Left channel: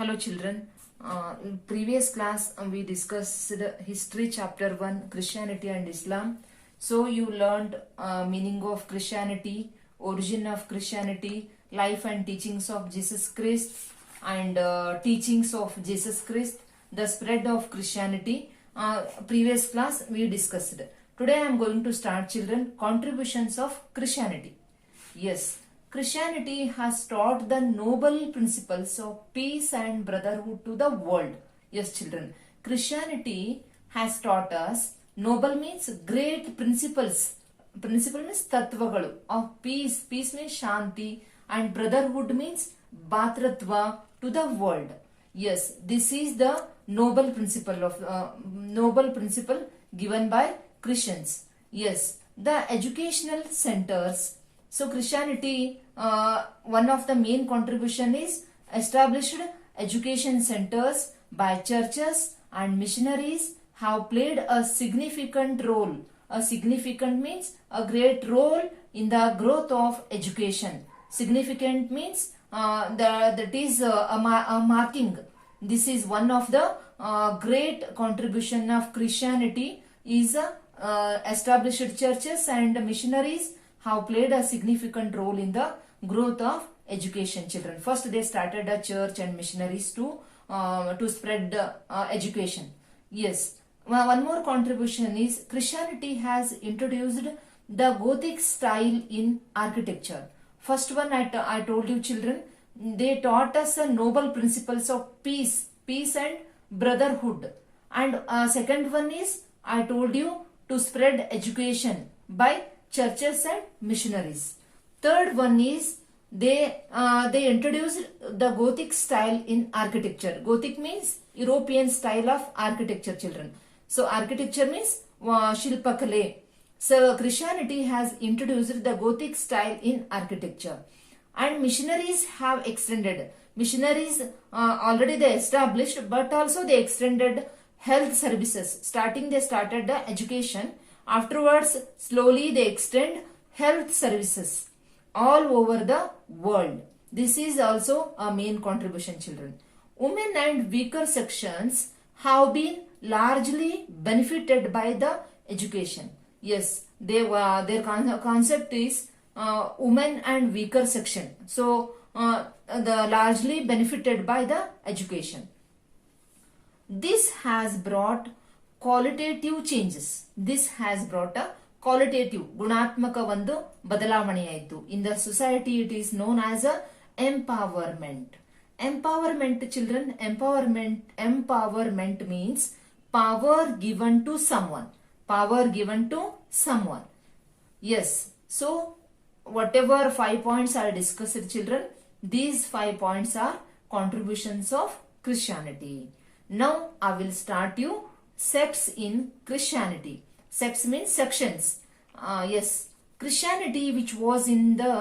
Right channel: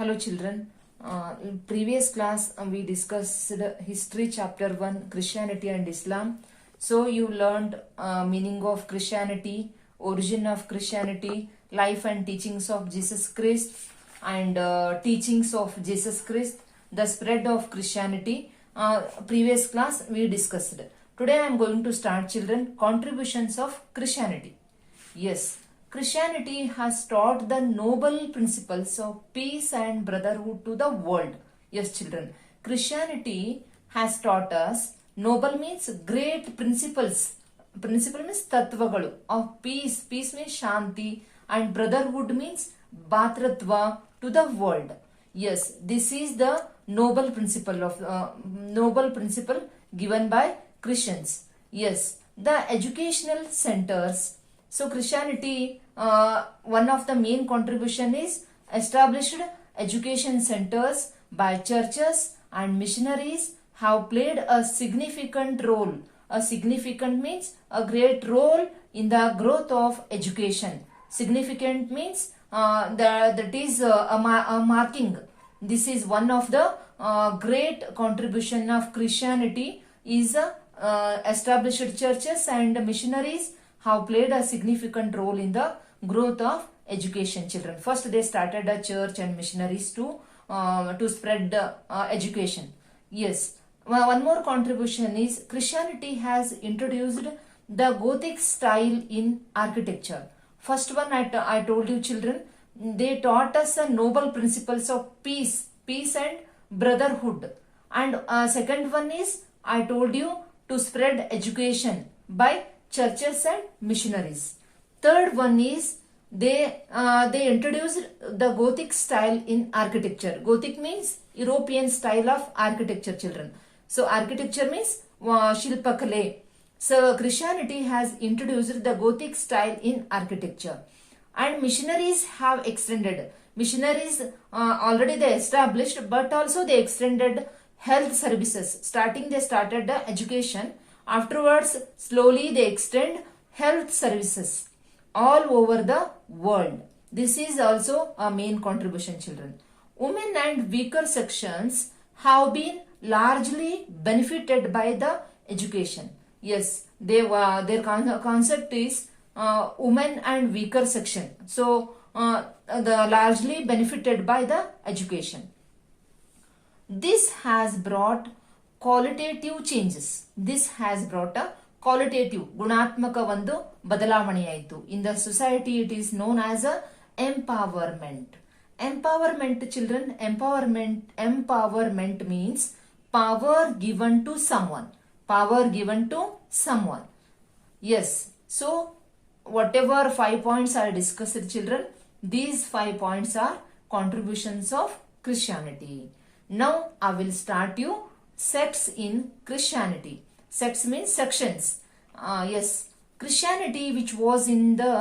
Hello children. In previous class we discussed history chapter 1 Christianity and Islam. So you learned meaning of Christianity, origin of Christianity, life and teachings of Jesus Christ and teachings of Jesus Christ, the spread of Christianity. Previous class we discussed. Today I am going to start children contributions of Christianity. Yes, Christianity has taught the noble principles of peace and brotherhood to the world. Yes, children. Christianity has taught us noble means great principles. Principle means tattvagalu of peace. Peace means shanti and brotherhood means bhatratva to the world. Yes, this is the noble principle given by Christians. Yes, the educational centers. So Christianity, one of the main contribution is established education centers by churches and missionaries have played a significant role. A significant means a great role in the growth of education. Significant means that is a marking. This is one of the great contribution of Christianity is established churches and missionaries have played a significant role in the growth of education, children. First, they started a church and missionaries to spread education. Yes. One more contribution is Christianity has introduced the Gothic style in architecture. First one I told you, children, they taught us the noble principles of peace and brotherhood. And second one is I told you to spread education by churches and missionaries. Third one is they introduced the Gothic style in architecture. Gothic means European style of architecture, children. So architecture means Shilpakale. So Christianity has introduced the Gothic style in architecture. And missionaries have extended. Missionaries already they established, but also they extended health services. Starting they started the education. Afterwards, slowly they extend health services all over the world. This is also a main contribution, children. Women and weaker sections have been largely benefited by the education. Yes, their concept is women and weaker section. So, the largely benefited by the education. This has brought qualitative changes. This has brought a qualitative, ಗುಣಾತ್ಮಕ ಒಂದು ಬದಲಾವಣೆಯಾಯಿತು. In the society it is known as a empowerment. Empowerment, children, empowerment means power given to someone. Power given to someone. Yes. So, whatever 5 points are discussed, children, these 5 points are contributions of Christianity. Now, I will start you sects in Christianity. Sects means sections. Yes, Christianity, which was in the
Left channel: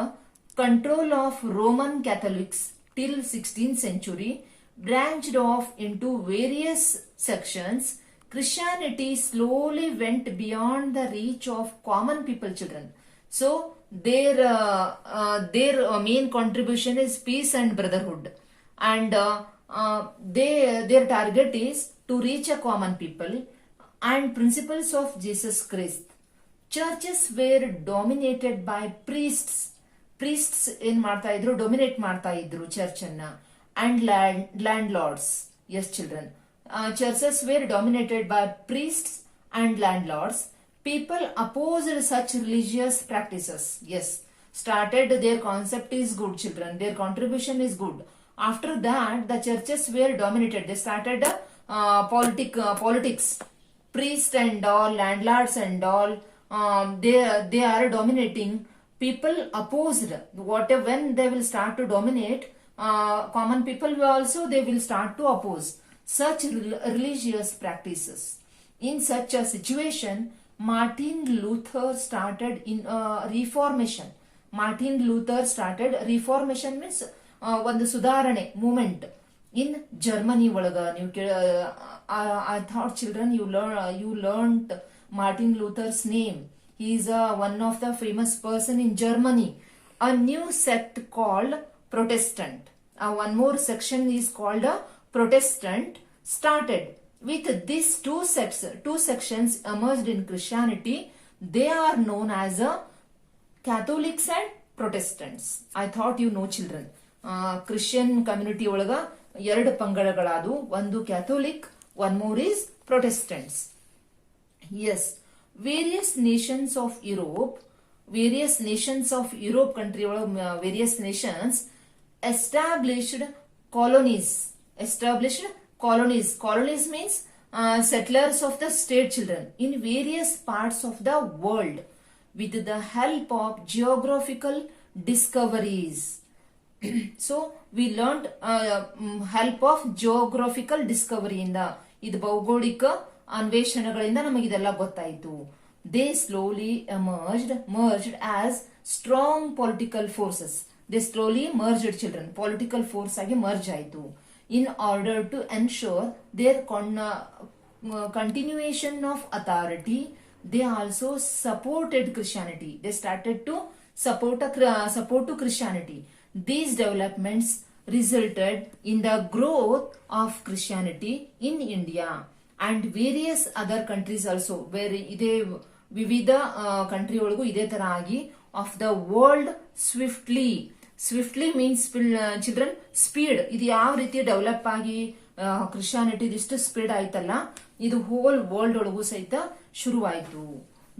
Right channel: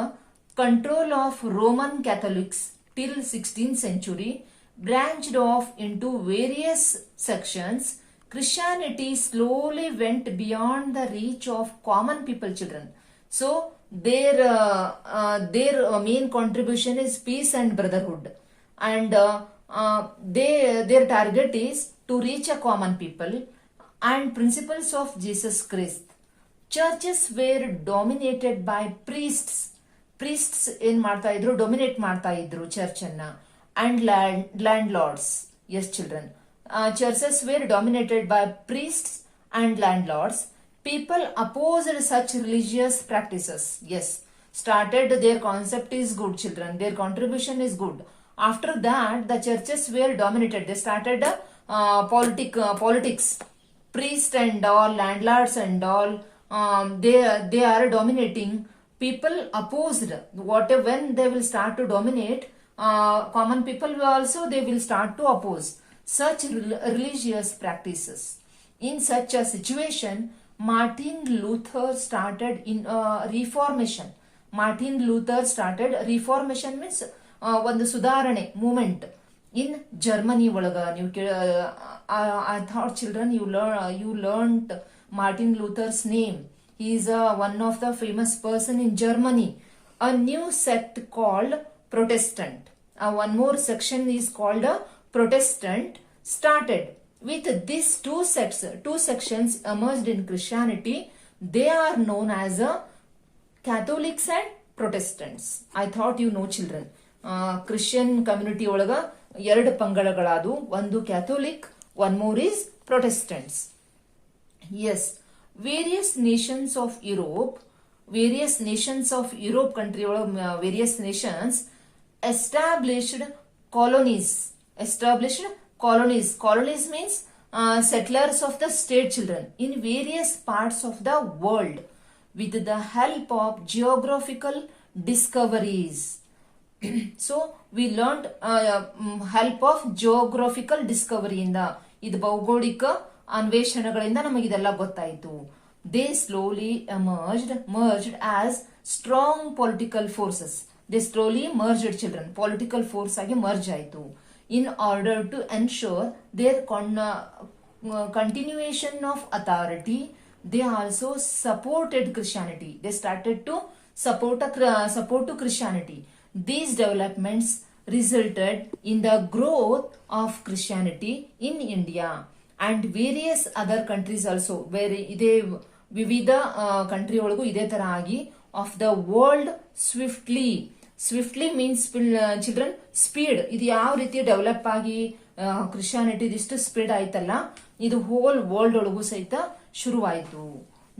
control of Roman Catholics till 16th century, branched off into various sections. Christianity slowly went beyond the reach of common people, children. So their main contribution is peace and brotherhood, and their target is to reach a common people and principles of Jesus Christ. Churches were dominated by priests. Priests in ಮಾಡ್ತಾ ಇದ್ರು, dominate ಮಾಡ್ತಾ ಇದ್ರು church ಅನ್ನ, and landlords. Yes, children. Churches were dominated by priests and landlords. People opposed such religious practices. Yes, started their concept is good, children. Their contribution is good. After that, the churches were dominated. They started politics. Priests and all, landlords and all, they are dominating. People opposed. When they will start to dominate, common people also they will start to oppose such religious practices. In such a situation, Martin Luther started in Reformation. Martin Luther started Reformation means ಒಂದು ಸುಧಾರಣೆ moment ಇನ್ Germany ಒಳಗ. ನೀವು I thought, children, you learned Martin Luther's name. He is one of the famous person in Germany. A new sect called Protestant. one more section is called a Protestant, started. With these two sections emerged in Christianity. They are known as a Catholics and Protestants. I thought you know, children. Christian community ಒಳಗ ಎರಡು ಪಂಗಡಗಳಾದವು. ಒಂದು Catholic, one more is Protestants. Yes, various nations of Europe country ಒಳಗ various nations established colonies. Colonies means settlers of the state, children, in various parts of the world with the help of geographical discoveries. So we learned help of geographical discovery ಇಂದ, ಇದು ಭೌಗೋಳಿಕ ಅನ್ವೇಷಣೆಗಳಿಂದ ನಮಗೆ ಇದೆಲ್ಲ ಗೊತ್ತಾಯಿತು. They slowly merged as strong political forces. They slowly merged, children. Political force ಆಗಿ merge ಆಯಿತು. In order to ensure their continuation of authority, they also supported Christianity. They started to support to Christianity. These developments resulted in the growth of Christianity in India and various other countries also. Where ಇದೇ ವಿವಿಧ country ಒಳಗೂ ಇದೇ ತರ ಆಗಿ of the world swiftly means children speed. ಇದು ಯಾವ ರೀತಿ develop ಆಗಿ ಕ್ರಿಶ್ಚಿಯಾನಿಟಿ ಇಷ್ಟು ಸ್ಪ್ರೆಡ್ ಆಯ್ತಲ್ಲ, ಇದು ಹೋಲ್ ವರ್ಲ್ಡ್ ಒಳಗೂ ಸಹಿತ ಶುರುವಾಯಿತು.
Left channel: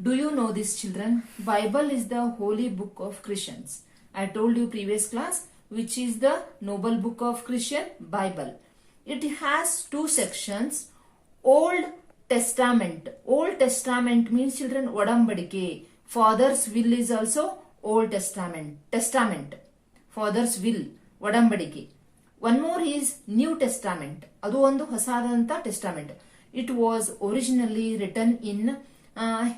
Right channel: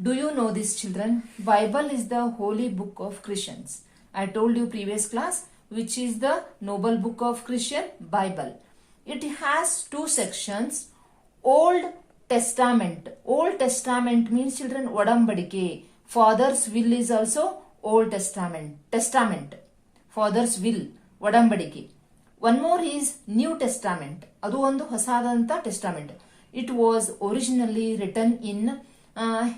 Do you know this, children? Bible is the holy book of Christians. I told you previous class which is the noble book of Christian, Bible. It has two sections. Old Testament. Old Testament means, children, ಒಡಂಬಡಿಕೆ. Father's will is also Old Testament. Father's will, ಒಡಂಬಡಿಕೆ. One more is New Testament. ಅದು ಒಂದು ಹೊಸದಾದಂತ testament. It was originally written in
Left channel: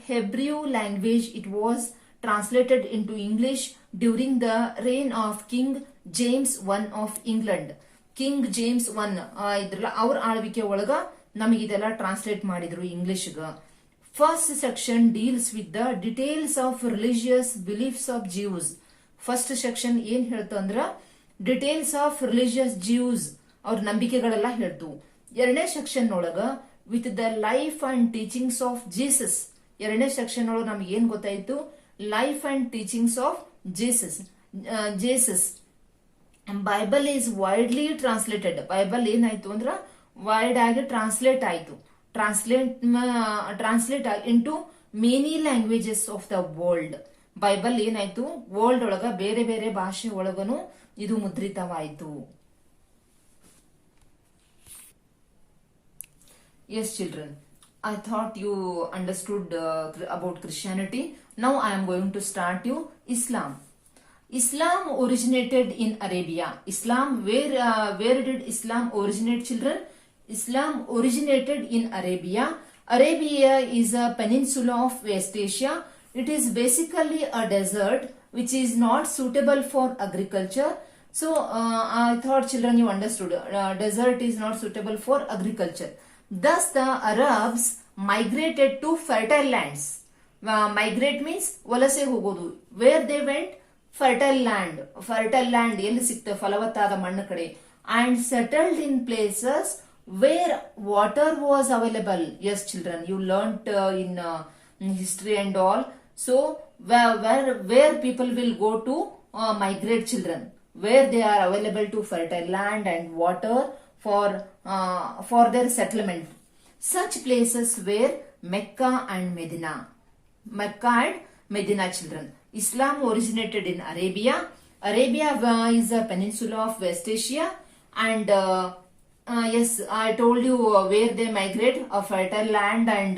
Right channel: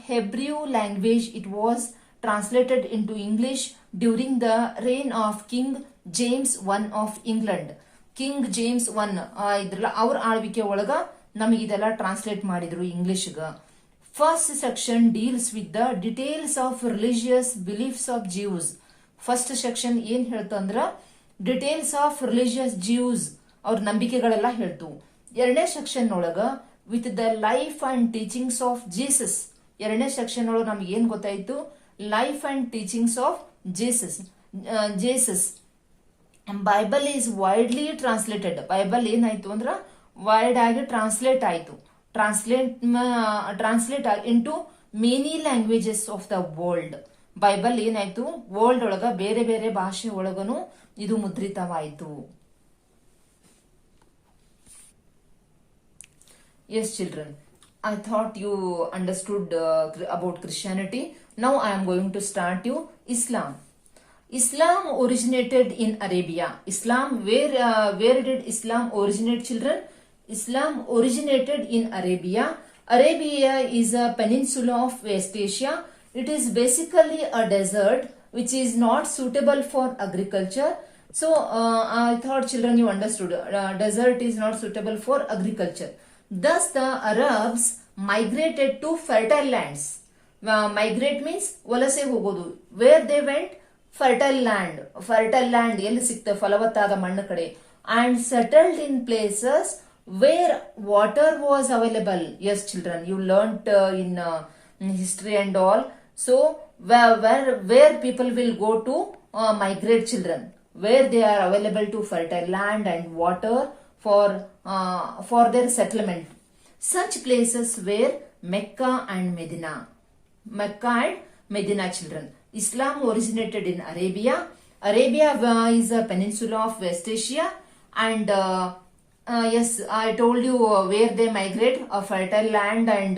Hebrew language. It was translated into English during the reign of King James I of England. King James I ಅವ್ರ ಆಳ್ವಿಕೆ ಒಳಗ ನಮಗಿದೆಲ್ಲ translate ಮಾಡಿದ್ರು ಇಂಗ್ಲಿಷ್ಗ. First section deals with the details of religious beliefs of Jews. First section ಏನ್ ಹೇಳ್ತಂದ್ರ details of religious Jews, ಅವ್ರ ನಂಬಿಕೆಗಳೆಲ್ಲ ಹೇಳ್ತು. ಎರಡನೇ ಸೆಕ್ಷನ್ ಒಳಗ with the life and teachings of Jesus. ಎರಡನೇ ಸೆಕ್ಷನ್ ಒಳಗ ನಮ್ಗೆ ಏನ್ ಗೊತ್ತಾಯ್ತು? Life and teachings of Jesus. Bible is widely translated. Bible ಏನಾಯ್ತು ಅಂದ್ರ ವೈಡ್ ಆಗಿ ಟ್ರಾನ್ಸ್ಲೇಟ್ ಆಯ್ತು. Translate into many languages of the world. Bible ಏನಾಯ್ತು ವರ್ಲ್ಡ್ ಒಳಗ ಬೇರೆ ಬೇರೆ ಭಾಷೆ ಒಳಗನು ಇದು ಮುದ್ರಿತವಾಯಿತು. Yes, children. I thought you understood about Christianity. Now I am going to start you Islam. Islam originated in Arabia. Islam, where did Islam originate, children? Islam originated in Arabia. Arabia is a peninsula of West Asia. It is basically a desert which is not suitable for agriculture. So I thought, children, you understood. Desert is not suitable for agriculture. Thus the Arabs migrated to fertile lands. Migrate means ವಲಸೆ ಹೋಗೋದು. Where they went? Fertile land ಎಲ್ಲಿ ಸಿಕ್ತ ಫಲವತ್ತಾದ ಮಣ್ಣು ಕಡೆ. And settled in places where water was available. Yes, children, you learnt in history and all. So where people will go to migrate, children, where they are available to fertile land and water for their settlement. Such places were Mecca and Medina. Children. Islam originated in Arabia. Arabia is a peninsula of West Asia, and yes, I told you where they migrate, a fertile land and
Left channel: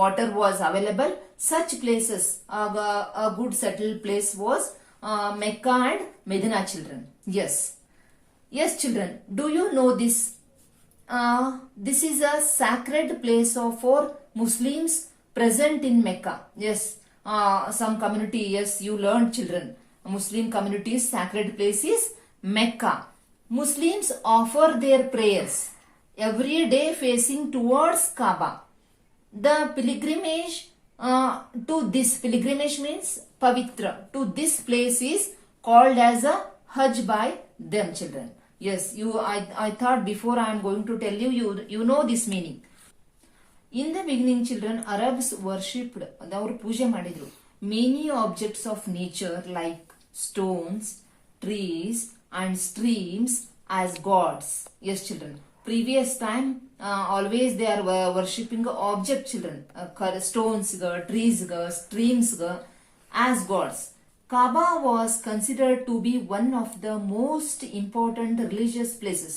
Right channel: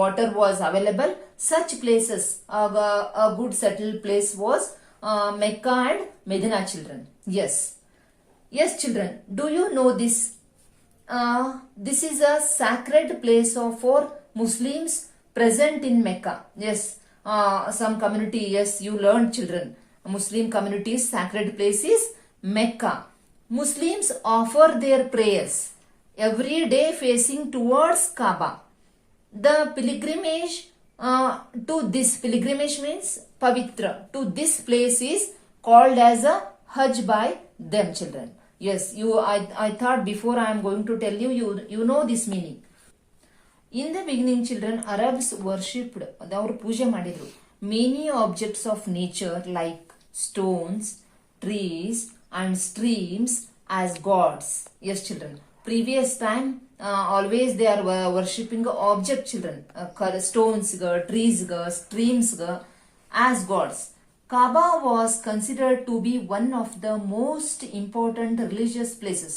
water was available. Such places, a good settled place was Mecca and Medina, children. Yes, children. Do you know this? This is a sacred place for Muslims present in Mecca. Yes, some community. Yes, you learned, children. Muslim community's sacred place is Mecca. Muslims offer their prayers every day facing towards Kaaba. The pilgrimage pilgrimage means pavitra, to this place is called as a Hajj by them, children. Yes, I thought before I am going to tell you, you know this meaning. In the beginning, children, Arabs worshipped, ಅವರು ಪೂಜೆ ಮಾಡಿದ್ರು, many objects of nature like stones, trees and streams as gods. Yes, children. Previous time, always they are worshipping object, children. Stones, trees, streams as gods. Kaaba was considered to be one of the most important religious places.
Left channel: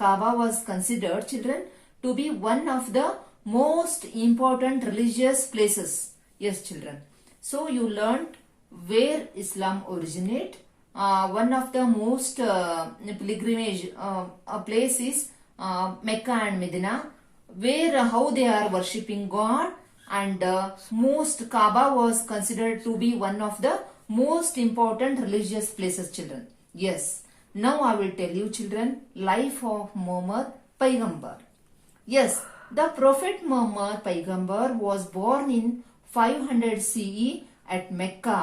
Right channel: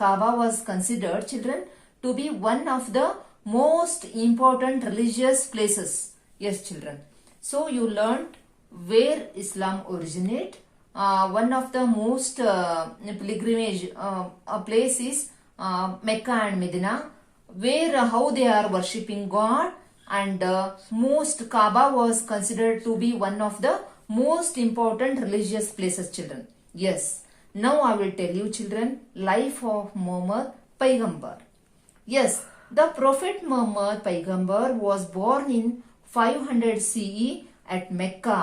Kaaba was considered, children, to be one of the most important religious places. Yes, children. So you learnt where Islam originate. One of the most pilgrimage place is Mecca and Medina, where how they are worshipping God, and most Kaaba was considered to be one of the most important religious places, children. Yes. Now I will tell you, children, life of Muhammad Paigambar. Yes, the Prophet Muhammad Paigambar was born in 500 CE at Mecca.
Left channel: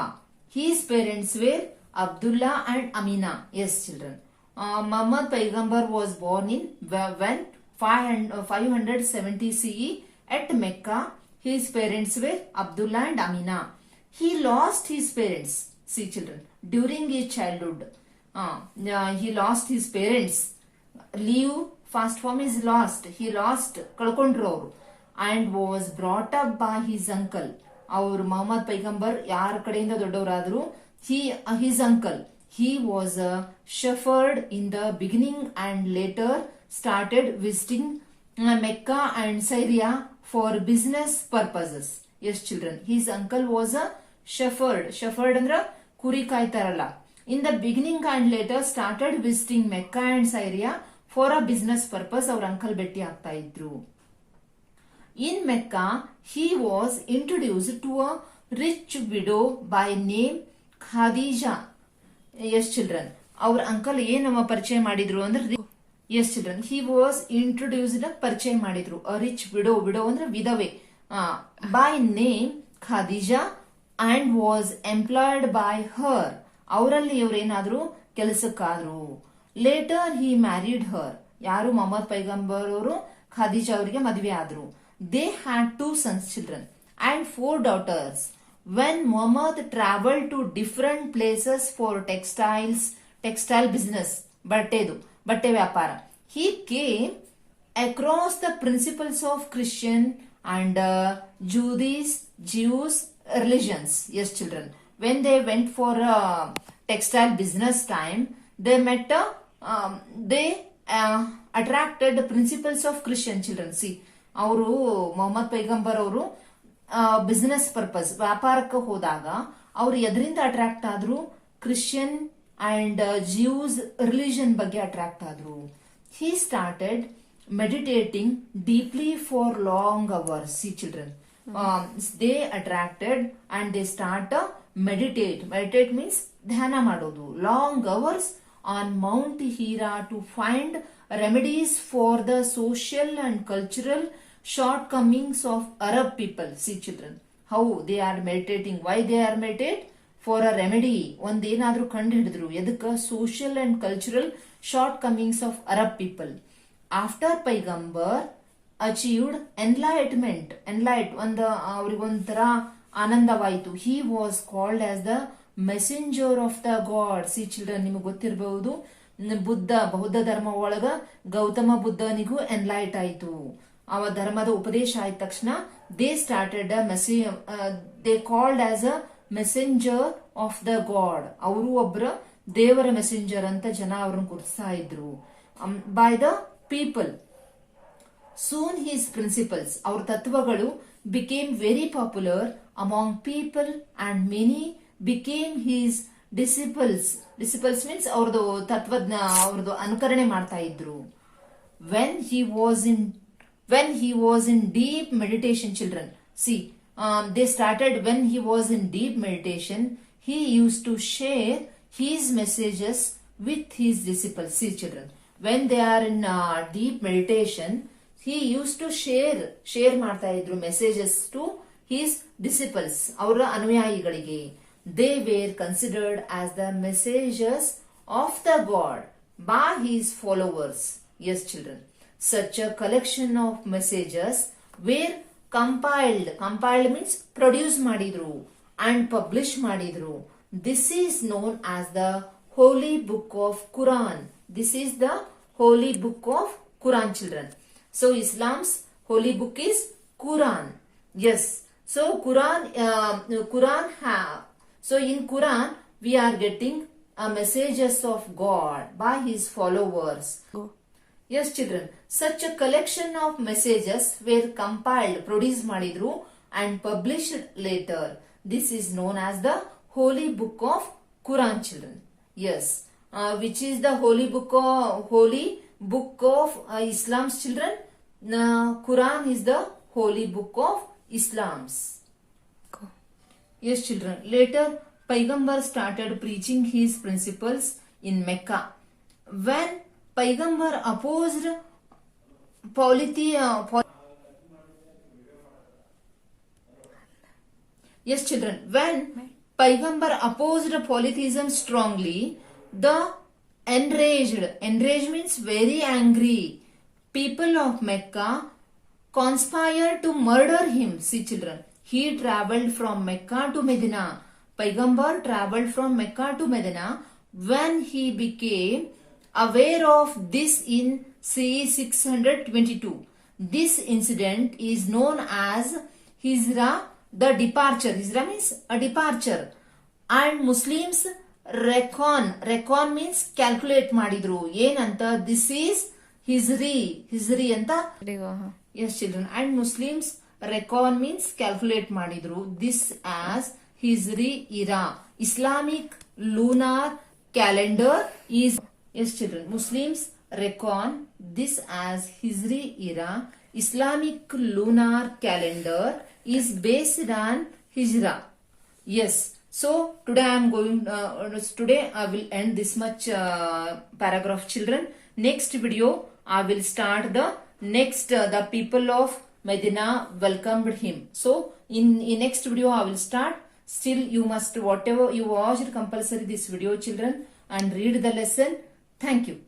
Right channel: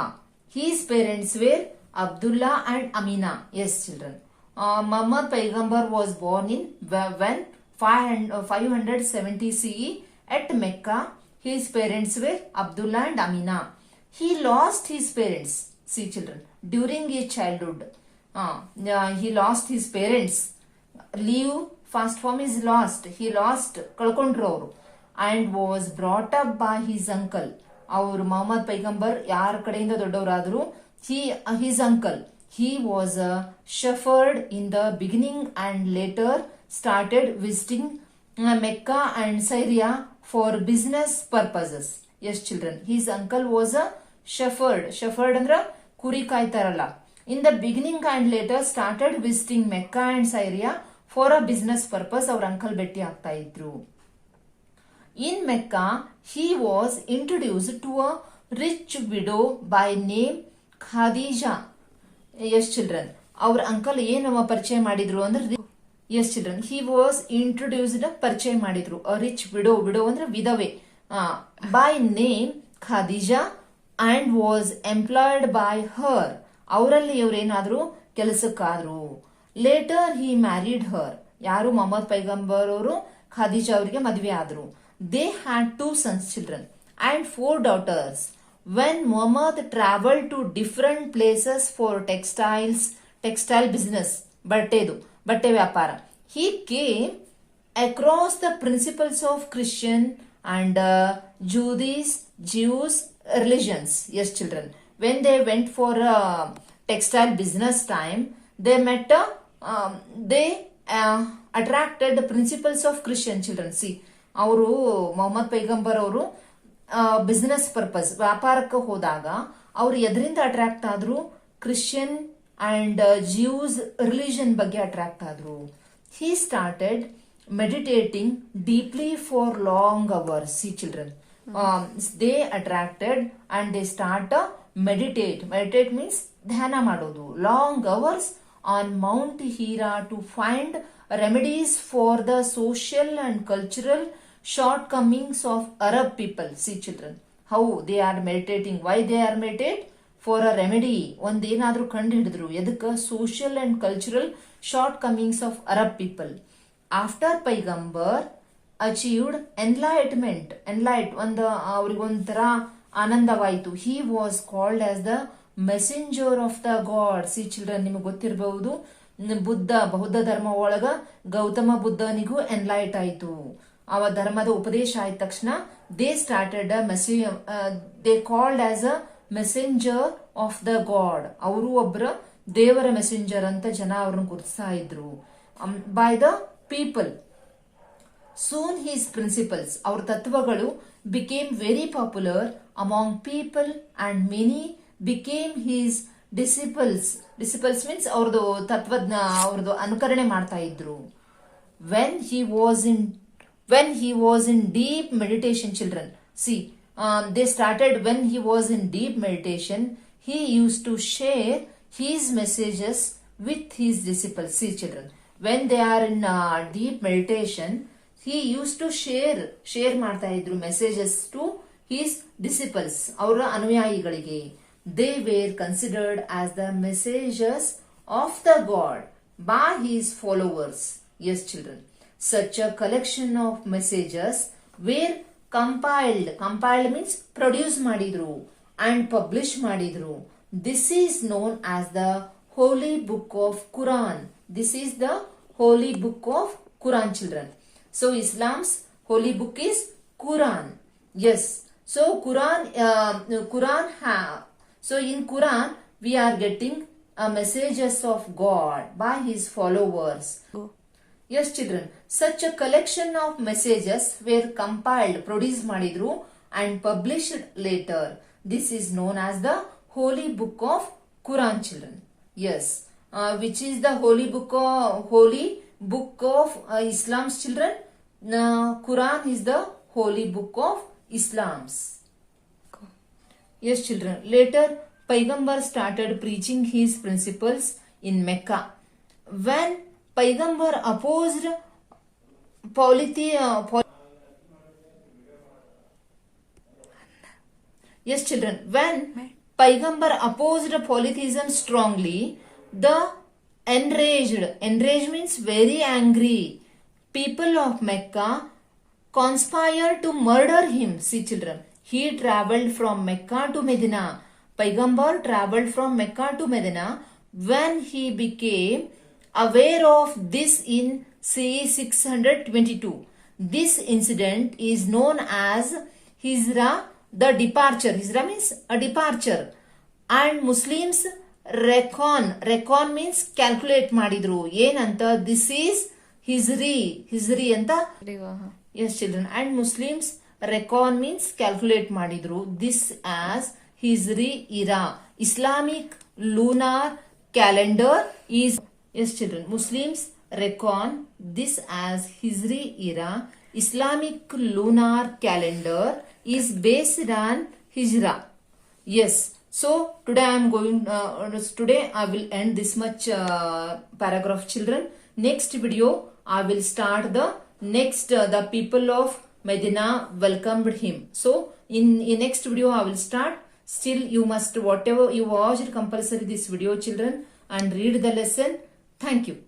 His parents were Abdullah and Amina. Yes, children. Muhammad Paigambar was born in when 570 CE at Mecca. His parents were Abdullah and Amina. He lost his parents. See, children, during his childhood, he lost his parents. Leave, first form is lost. He lost, ಕಳ್ಕೊಂಡ್ರು ಅವರು, and was brought up by his uncle. ಅವರು ಮೊಹಮ್ಮದ್ ಪೈಗಂಬರ್ ಯಾರ ಕಡೆಯಿಂದ ದೊಡ್ಡವರಾದ್ರು, his uncle. He was a shepherd in the beginning and later started visiting Mecca and Syria for business purposes. Yes, children. His uncle was a shepherd. Shepherd andra kuri ಕಾಯ್ತಾರಲ್ಲ. In the beginning and later started visiting Mecca and Syria for a business purpose. ಅವ್ರ uncle ಭೇಟಿ ಆಗ್ತಾ ಇದ್ರು. In Mecca, he was introduced to a rich widow by name Khadija. Yes, children. ಅವ್ರ uncle ಏನು ಪರಿಚಯ ಮಾಡಿದ್ರು ಅಂದ್ರೆ, yes, children, he was introduced, ಪರಿಚಯ ಮಾಡಿದ್ರು, a rich widow. Widow ಅಂದ್ರೆ ವಿಧವೆ, by name Khadija, and was employed by her. ಅವರಲ್ಲಿ ಇವರೇನಾದ್ರು ಕೆಲಸಕ್ಕಾದ್ರು. Later he married her. ಯಾರು ಮೊಹಮ್ಮದ್ ಪೈಗಂಬರ್ ಅವರು ಖಾದಿಜಾ ಅವರಿಗೆ ಮದುವೆ ಆದ್ರು. They had 2 sons, children, and 4 daughters. When Muhammad traveled to different places for textile business, ಬಟ್ಟೆ ವ್ಯಾಪಾರ, he came across the principles of Christian and Jews religions. Yes, children. When they went for textile business time, they met they attracted the principles of Christian, children. See, ಅವರು ಮೊಹಮ್ಮದ್ ಪೈಗಂಬರ್ ಅವರು business purpose ವ್ಯಾಪಾರಕ್ಕೆ ಹೋದಾಗ ಅವರು ಎದರಿಂದ attract ಆದ್ರು, Christian and juice religion ಬಗ್ಗೆ attract ಆದ್ರು. He started meditating deeply for long hours. See, children, they attracted and they start meditate. Meditate means ಧ್ಯಾನ ಮಾಡೋದು, long hours on Mount Hira to find remedies for the social and cultural shortcomings of Arab people. See, children, how they are meditating. Why they are meditate? For a remedy. ಒಂದೇನಾದ್ರೂ ಕಂಡು ಹಿಡಿದ್ರು, ಎದಕ್ಕ? social and cultural shortcomings of Arab people. After Paigambar achieved enlightenment, ಅವರಿಗೊಂಥರ ಆನಂದವಾಯಿತು. He was called as the messenger of the God. See, children, ನಿಮಗೆ ಗೊತ್ತಿರಬಹುದು, ಬೌದ್ಧ ಧರ್ಮ ಒಳಗ Gautama ಬುದ್ಧನಿಗೂ enlight ಆಯಿತು. ಅವ ಧರ್ಮದ ಉಪದೇಶ ಆಯ್ತ ತಕ್ಷಣ they started they called as a messenger of the God. ಅವರು ಒಬ್ಬರ ದೇವರ ಮೆಸೆಂಜರ್ ಅಂತ ಜನ ಅವ್ರನ್ನ ಗುರುತಿಸ್ತಾ ಇದ್ರು by the people. Soon his principles, ಅವ್ರ ತತ್ವಗಳು became very popular among people and many became his disciples. Disciples means ಅವ್ರದ್ದು ತತ್ವಜ್ಞ, ಅವ್ರದ್ದು ಅನುಕರಣೆ ಮಾಡ್ತಾ ಇದ್ರು. When he was in deep meditation, children. See, they started when he was in deep meditation. He used to share his messages with his disciples. See, children, when they are in deep meditation, he used to share ಮಾಡ್ತಾ ಇದ್ರು messages to his disciples, ಅವರ ಅನುಯಾಯಿಗಳಿಗೆ. They were considered as the messengers of the God. by his followers. Yes, children. Such a collection of messages were compiled. Compiled means produce madidru and publish madidru. This is known as the Holy Book of Quran. This is the Holy Book of Quran, children. So Islam's holy book is Quran. Yes. So so in Quran we are getting messages of God by his followers. Yes, children. Such a collection of messages were compiled, produced madidru and published later. This is known as the Holy Book of Quran, children. Yes. Which is the Holy Book of Islam's children? Quran is the Holy Book of Islam's. Yes, children. Later, Paigambar started preaching his principles in Mecca. When Paigambar opposed Yes, children. When Paigambar opposed polytheism strongly, the enraged means very angry people of Mecca conspired to murder him. See, children, he traveled from Mecca to Medina. Paigambar traveled from Mecca to Medina. When he became aware of this in CE 622, this incident is known as Hijra, the departure. Hijra means a departure. And Muslims reckon means calculate madidru. Yenanta, this is Hijri anta. Yes, children. And Muslims reckon means calculate madidru. This as Hijri era. Islamic lunar calendar is, yes, children. Muslims reckon this as Hijri era. Islamic lunar calendar is based on Hijra. Yes. So today I am going. Today I will end this much paragraph, children. Next video I will start the next. The people of Medina welcomed him. So in next video I will start. Still you must, whatever you watched, compulsory this video, children, and read the lesson. Thank you.